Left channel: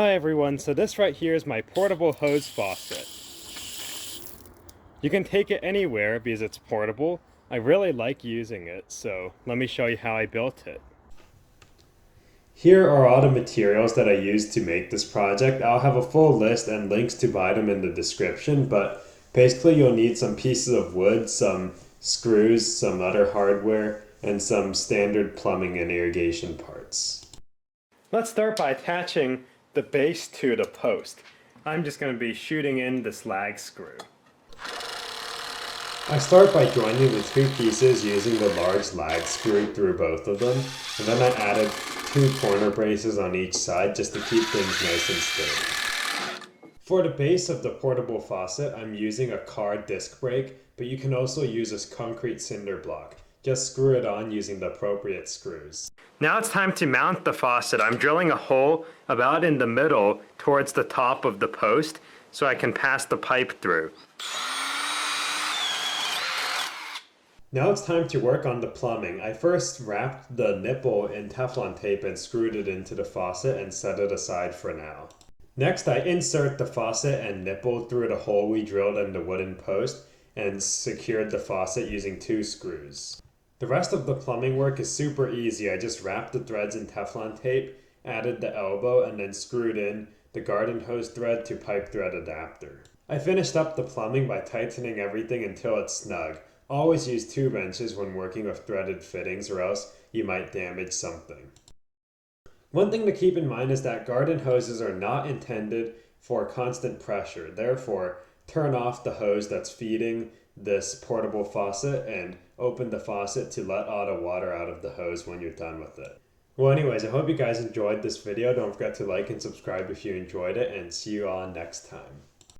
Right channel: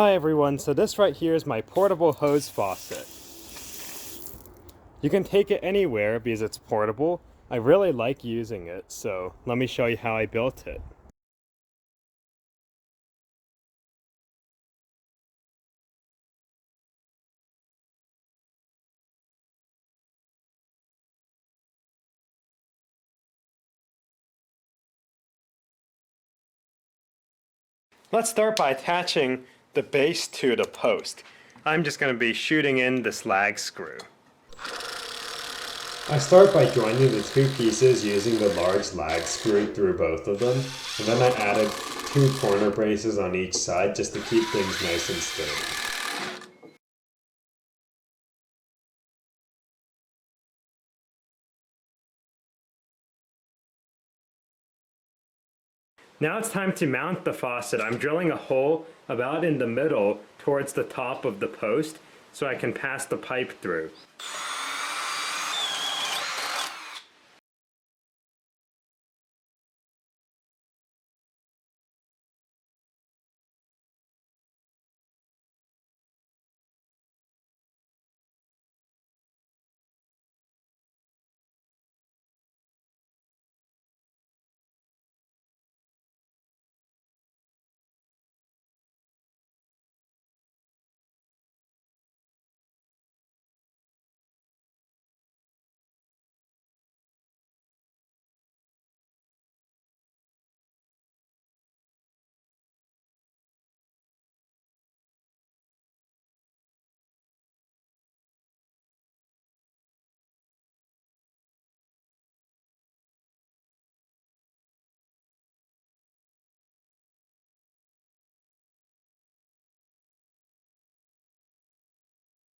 Hi everyone, so this right here is my portable hose faucet. You can take it anywhere because it's portable. I really like using it, so let me show you how I built it. Here are all the materials that I used to make this project. I'll have a full list and links to buy them in the description, but basically you'll need some pieces of wood, some screws, some other hardware, and some standard plumbing and irrigation parts. Let's start by attaching the base to the post. I'm just going to be shooting in this lag screw. I start by joining the two pieces using the large lag screw through both of them, and then I added 2 corner braces on each side just to keep things nice and sturdy. For the base of the portable faucet, I'm using a car disc brake, but you can also use a concrete cinder block. Just screw it on using the appropriate screws. Now it's time to mount the faucet. I'm drilling a hole about in the middle towards the top of the post so I can pass the pipe through. Now it's time to work on the plumbing. I first wrapped the nipple in Teflon tape and screwed it into the faucet and set it aside for now. Next, I insert the faucet and nipple through the hole we drilled in the wooden post and secured the faucet using 2 screws. The rest of the plumbing work is super easy. I just wrapped the threads in Teflon tape, added the elbow, and then screwed in the garden hose thread to pipe thread adapter. I finished up the plumbing by tightening everything until it's snug. Always use 2 wrenches when working with threaded fittings or else you might damage something. One thing to keep in mind is that garden hoses are not intended for constant pressure. Therefore, turn off the hose that's feeding this portable faucet and open the faucet to let all the water out of the hose when you're done with it. Well anyways, I hope you guys enjoyed this video. Don't forget to like and subscribe if you enjoyed it, and see you all next time.